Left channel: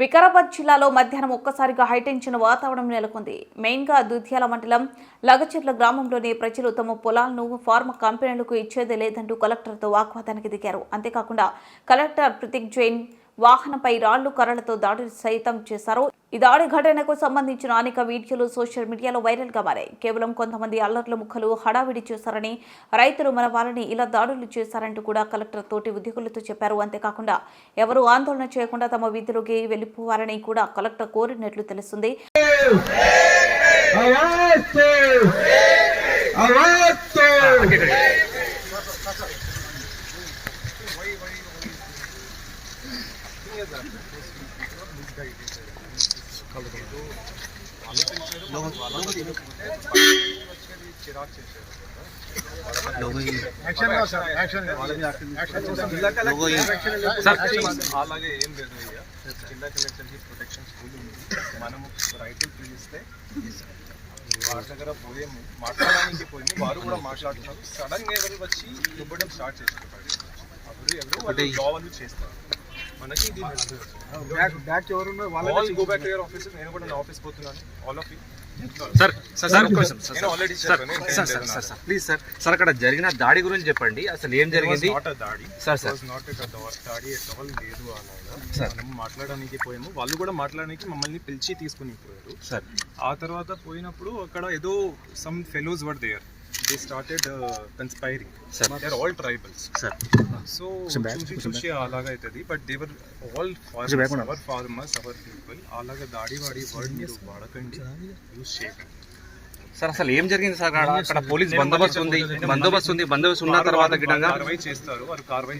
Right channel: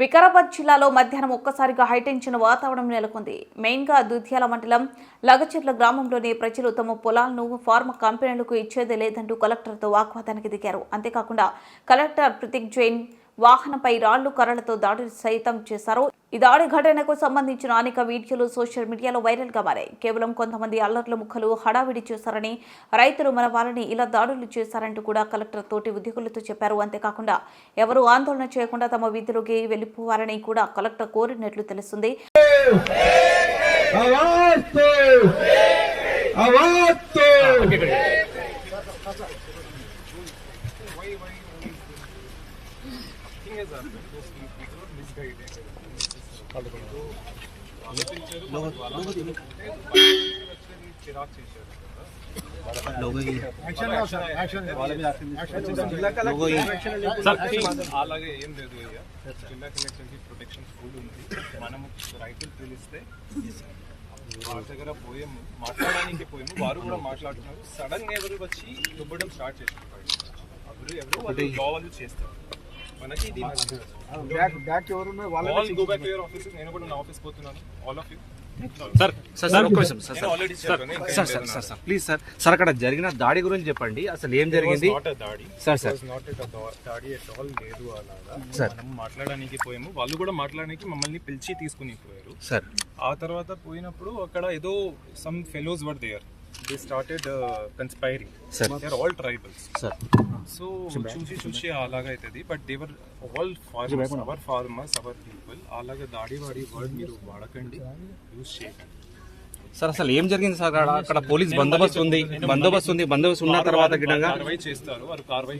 వికారాబాద్ జిల్లాలో మధ్యాహ్నం ఒక్కసారిగా హైటెన్షన్ వాతావరణం నెలకొంది. మెయిన్గా దుధ్యాల మండలం లగచెర్ల గ్రామంలోని ప్రజలు తమ పొలాలను ఫార్మా కంపెనీలకు ఇచ్చేదే లేదంటూ కలెక్టర్తో వాగ్వాదానికి దిగారు. అంతేకాకుండా కలెక్టర్ ప్రతీక్ జైన్ వాహనంపై రాళ్లు కర్రలతో దాడి సైతం చేశారు. ఈ దాడి ఘటనకు సంబంధించిన అనేక వీడియోలు సోషల్ మీడియాలో వైరల్ గా మారాయి. కేవలం కొంతమంది అల్లర్ల ముక్కలు హడావిడి చేశారని, రైతులు మన వాళ్ళని ఇలా దాడులు చేశారంటూ కూడా కలెక్టర్ తోటి ఉద్యోగులతో చెప్పారు. అంతేకాకుండా ఎవరూ ఆందోళన చేయకుండా తమ విధులకి వెళ్లిపోవాలని కూడా కలెక్టర్ కోరినట్లు తెలుస్తుంది. అలాగే ఏం లేదు అయ్యా, జిల్లా కలెక్టర్ కి ప్రొటెక్షన్ స్కూల్ ఉంది. మనము రైతులు పిలిస్తే వారి దగ్గర పోయాము, మాట్లాడడానికి పోయాము, వారు కూడా మాట్లాడుతున్నారు. సడన్ గా ఎవరు వచ్చి దుబ్బడం స్టార్ట్ చేస్తారు. ఎవరు జాబ్ చేస్తారు. మనకి ఇది go back to your office. నేను కూడా నా ఆఫీస్ పోతున్నాను. All of you please sir అక్కడ జరిగిన దాడి గురించి చెప్పండి. అసలు ఏం జరిగింది? దాడి ఎట్ ఆల్ లేదు. అలాగా మనం మాట్లాడడానికి పోయాము, వాళ్ళు కూడా మాట్లాడడానికి మమ్మల్ని పిలిచి తీసుకుని పోయారు సార్. ఆ తర్వాత పోయినప్పుడు అక్కడ ఏదో some fellows were there. They started conspiring. Sir, they are all tribals. Sir, so చూసి అలాగా అవుతుంది. But they were all farmers, our farmers, our people. అలాగా దాడి వాడి వర్డ్ మీరు వాడకండి, యూజ్ చేయకండి సార్. అసలు ఏం జరిగింది సార్? అక్కడ పోలీస్ బందోబస్తు ఉంది. బందోబస్తు ఉన్న తర్వాత కార్వాయి చేస్తారు. వారు కార్వాయి